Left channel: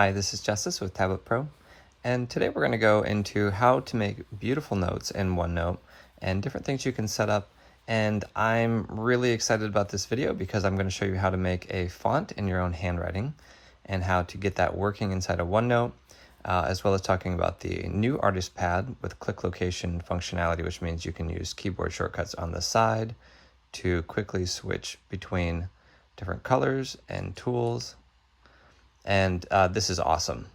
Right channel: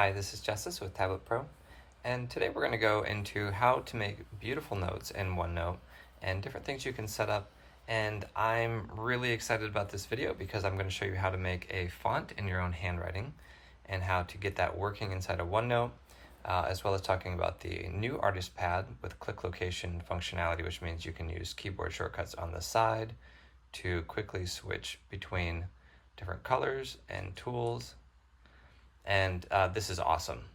Hi, this is Justice with Tablet Pro, and today we're going to go into how to make beautiful notes in OneNote and different things you can set up. And I'm really excited about this video because I'm going to show you how to make a font in your own handwriting and how to get that working inside of OneNote, as well as talking about the new artist pad with click location functionality, which means you can use keyboard shortcuts on the side to quickly switch between different colors and tools. And this is awesome.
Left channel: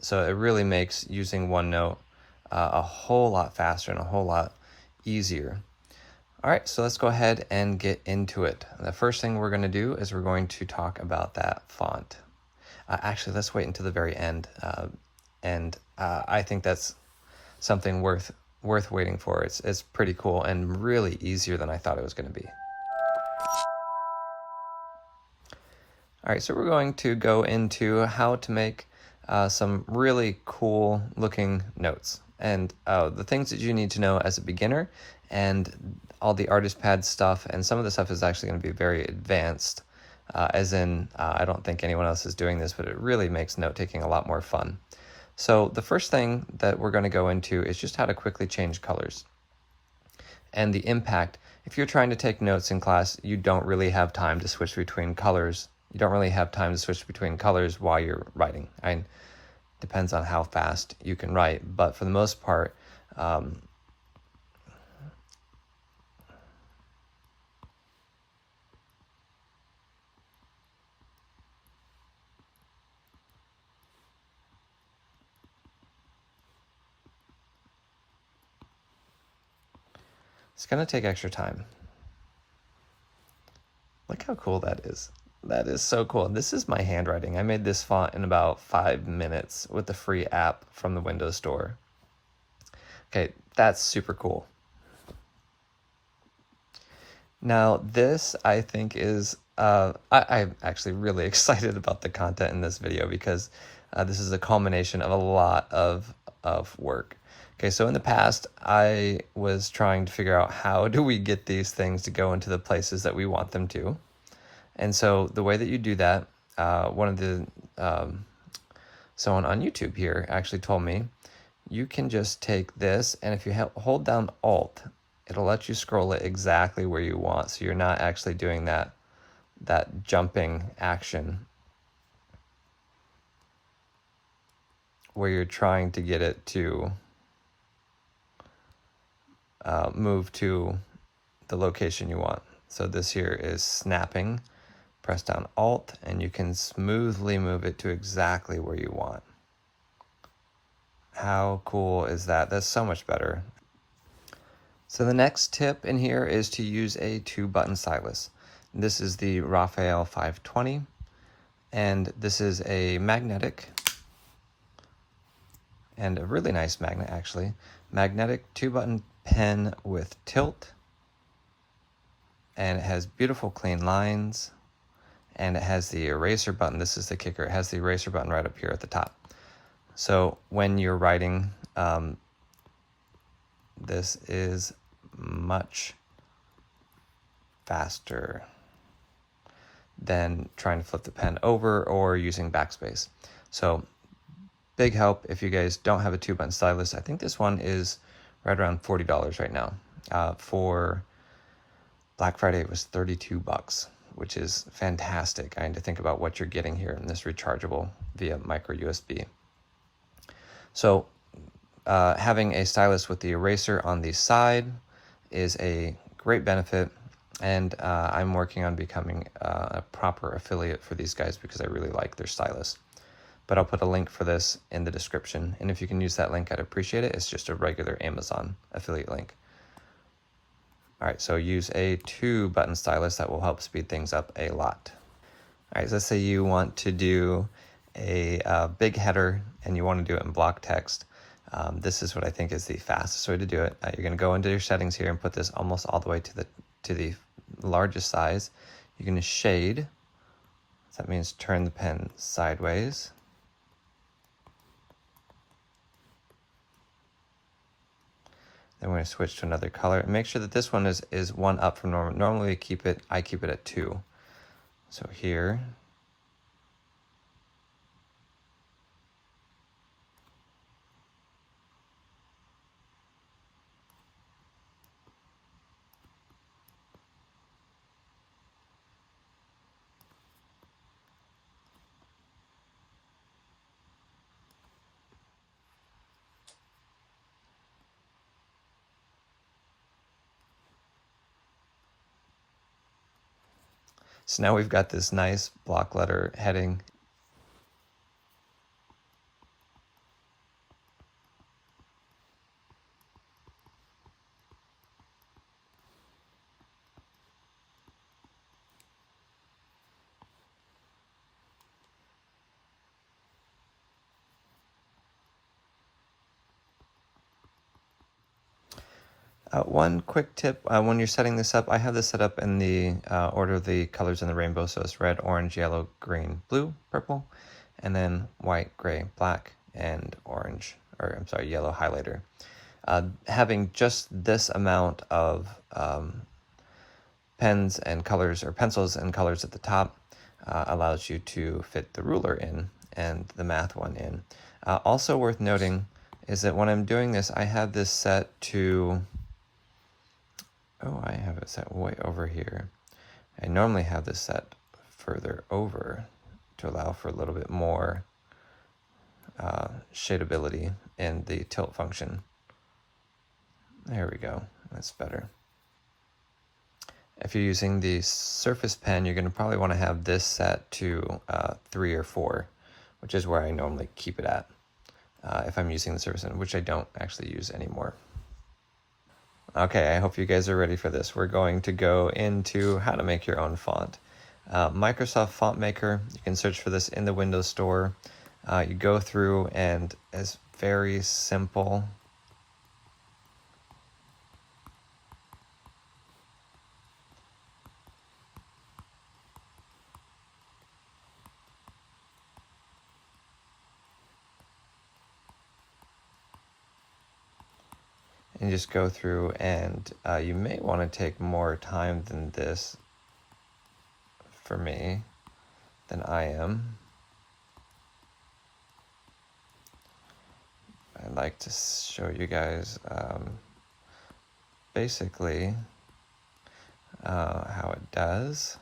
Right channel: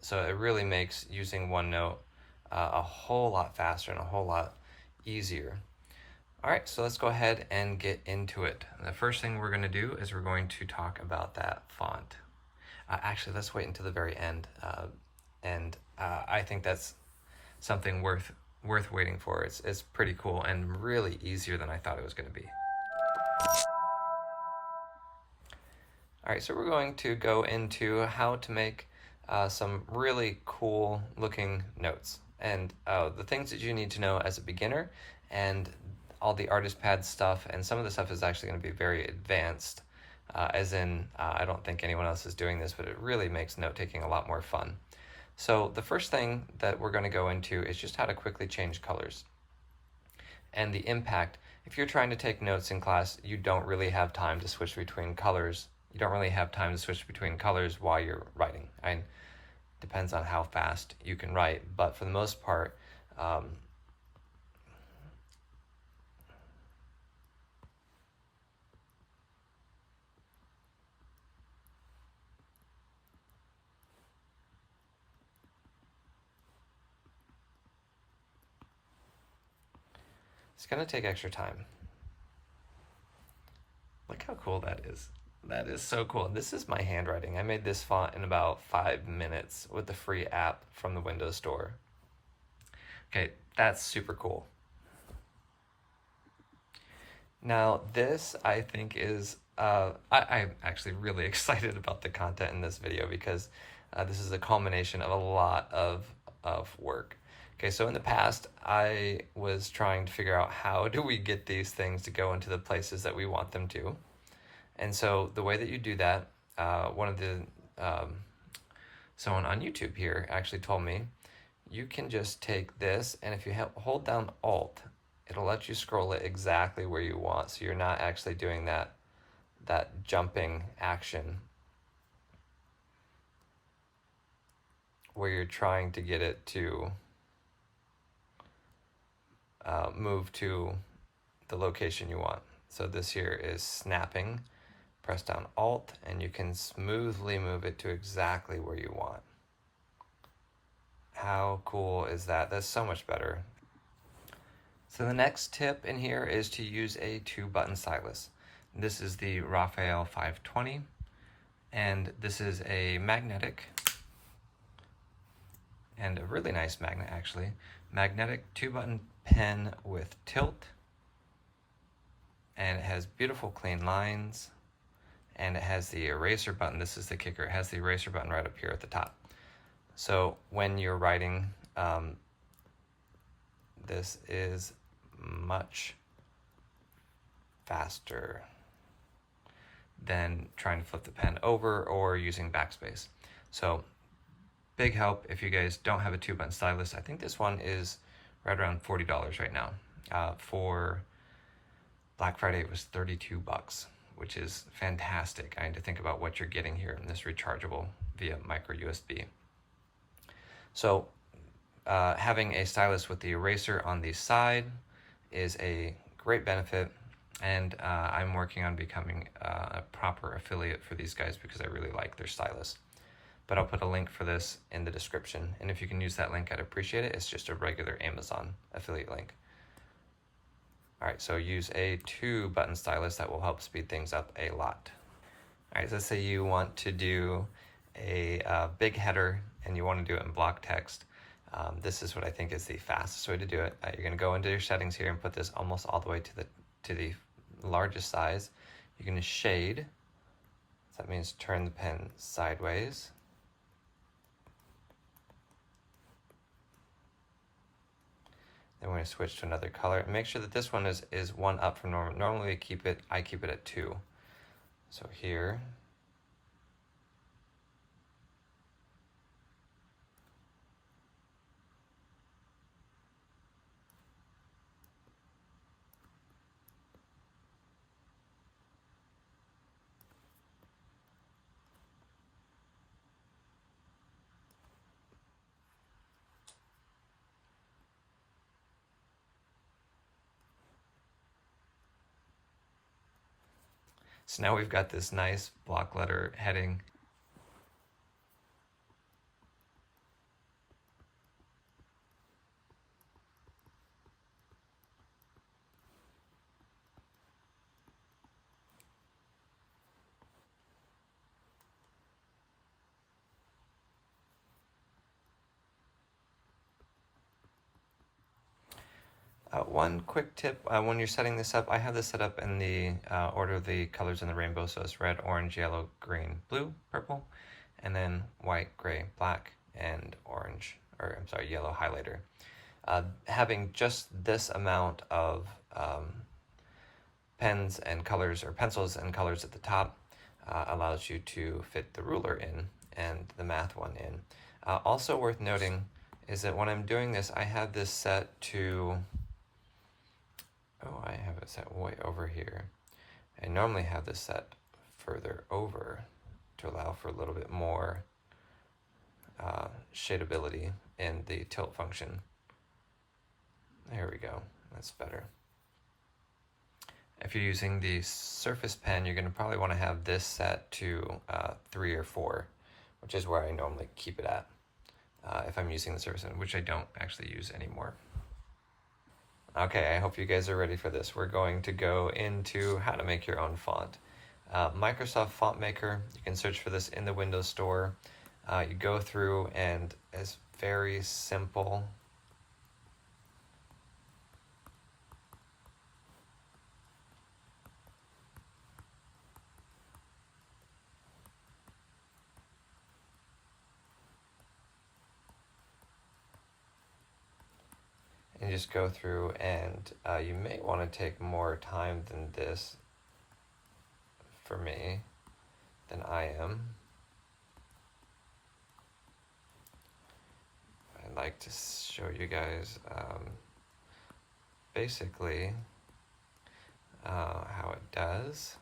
So it really makes using OneNote a whole lot faster and a whole lot easier. All right, so let's go ahead and get into it. The first thing we're going to do is we're going to talk about that font. Actually, let's wait until the very end, I think that's something worth waiting for. It's pretty cool and really easier than I thought it was going to be. All right, so we're going to go into how to make some really cool looking notes, and the things that you need to know as a beginner, and all the artist pad stuff, and some of the stuff is actually going to be very advanced, as in I don't think anyone else is doing this, but it really makes note taking a lot more fun. So the first thing that we're going to go into is just how to quickly change colors and the impact. If you're trying to take notes in class, you don't really have time to switch between colors. You don't really have time to switch between colors while you're writing. Depends on how fast you can write, but for the most part, it's gonna take extra time. Look how cool that is. That is so cool. This is my handwriting. I made this font in about 5 minutes with the free app from the Windows Store. Okay, that's super cool. Now this, I think, is, I'm actually really excited about the content in this video because this is a culmination of a lot of work. Okay, so in the past, I was trying to figure out how do we get these things to go into the places that we want them to. And so the way that you do that, someone on YouTube here actually told me, you can just take this, and if you hold down Alt, it'll let you scroll it exactly where you want. So you're not actually doing that jumping action where you're trying to get it to move to the location you want. So this here is snapping. Press down Alt and you can smoothly move it to exactly where you want. How cool is that? That's so much better. So the next tip in here is to use a 2-button stylus. This is the Raphael 520, and this is a magnetic, and a really nice magnet actually. Magnetic 2-button pen with tilt, and it has beautiful clean lines, and it has the eraser button. This is the kicker. It has the eraser button right up here at the top. So when you're writing, this is much faster than trying to flip the pen over or using backspace. So big help if you guys don't have a 2-button stylus. I think this one is right around $40 right now. For Black Friday, it was $32, which is fantastic. I need to think about what you're getting here in this rechargeable via micro USB. So having a stylus with the eraser on the side is a great benefit, and I'm working on becoming a proper affiliate for these guys because I really like their stylus. But I'll put a link for this in the description, and if you can use that link, I'd appreciate it. It's just a regular Amazon affiliate link. All right, so use a 2-button stylus. That will help speed things up a lot. All right, so let's say you want to do a big header and you want to do it in block text. This is what I think is the fastest way to do it. You're going to go into your settings here and put this almost all the way to the largest size. You're going to shade. So that means turn the pen sideways. Then we're going to switch to another color. Make sure that this one is one up from normal. Normally I keep it at 2. So here, So now we've got this nice block letter heading. One quick tip, when you're setting this up, I have this set up in the order of the colors in the rainbow. So it's red, orange, yellow, green, blue, purple, and then white, gray, black, and orange, or I'm sorry, yellow highlighter. Having just this amount of pens and colors, or pencils and colors at the top, allows you to fit the ruler in and the math one in. Also worth noting is that when I'm doing this, I have this set to, I have it set way over here. I normally have this set further over to allow for a little bit more shadeability in the tilt function. There we go, that's better. If you're using the Surface Pen, you're going to probably want to have this set to 3 or 4, which is where I normally keep it at if I'm using the Surface Pen, which I don't actually use anymore. Okay, I hope you guys are ready for this. We're going to go into how to make your own font. Microsoft Font Maker, you can search for this in the Windows Store. You go through and it's very simple. And just go through, and you may want to take more time than this for me than I am. I'd like to show you guys basically how it does.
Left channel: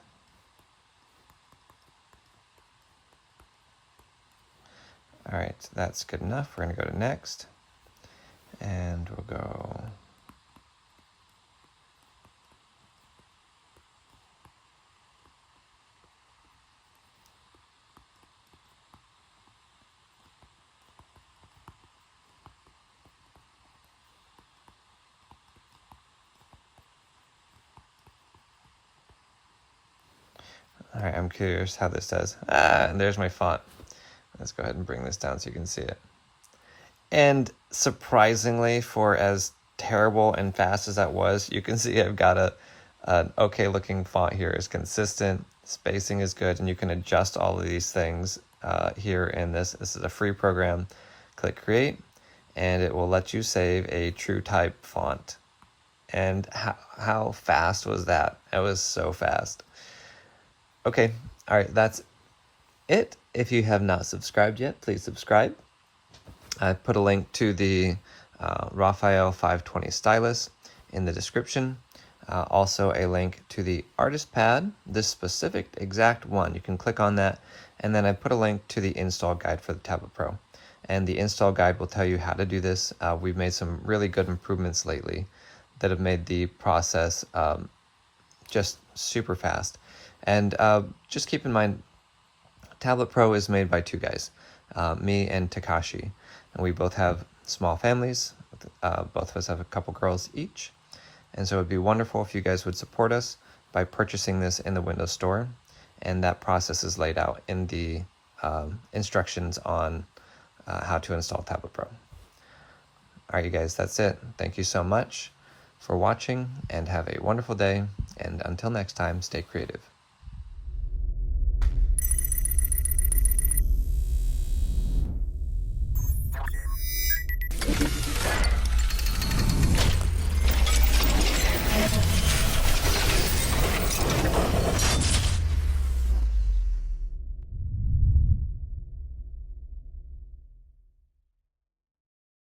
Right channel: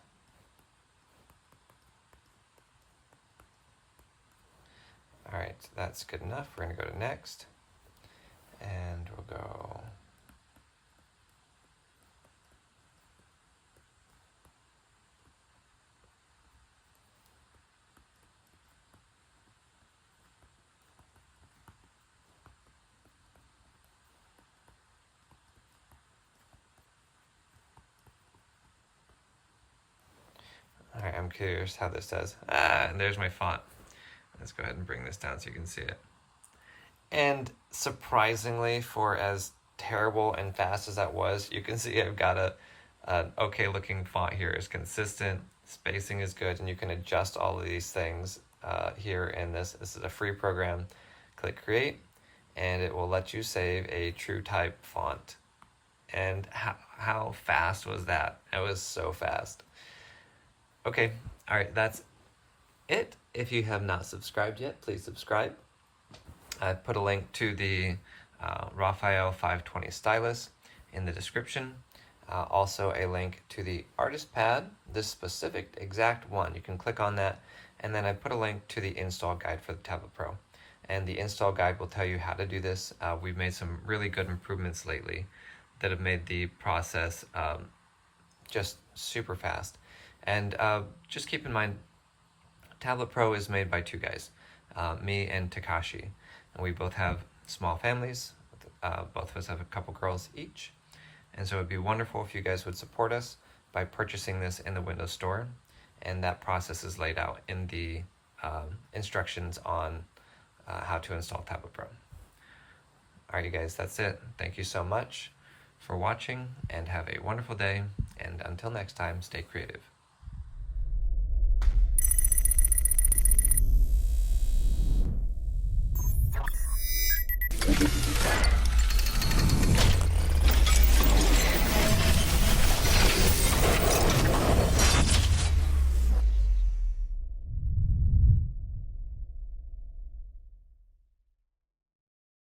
All right, so that's good enough. We're going to go to next. And we'll go all right, I'm curious how this does. And there's my font. Let's go ahead and bring this down so you can see it. And surprisingly, for as terrible and fast as that was, you can see I've got an okay looking font here. It's consistent, spacing is good, and you can adjust all of these things here in this. This is a free program. Click create, and it will let you save a true type font. And how fast was that? It was so fast. Okay, all right, that's it. If you have not subscribed yet, please subscribe. I put a link to the Raphael 520 stylus in the description. Also a link to the artist pad, this specific exact one. You can click on that, and then I put a link to the install guide for the Tablet Pro. And the install guide will tell you how to do this. We've made some really good improvements lately that have made the process just super fast. And just keep in mind, Tablet Pro is made by two guys, me and Takashi. And we both have small families. Both of us have a couple girls each. And so it'd be wonderful if you guys would support us by purchasing this in the Windows Store. And that process is laid out in the instructions on how to install Tablet Pro. All right, you guys, that's it. Thank you so much for watching, and have a wonderful day. And until next time, stay creative.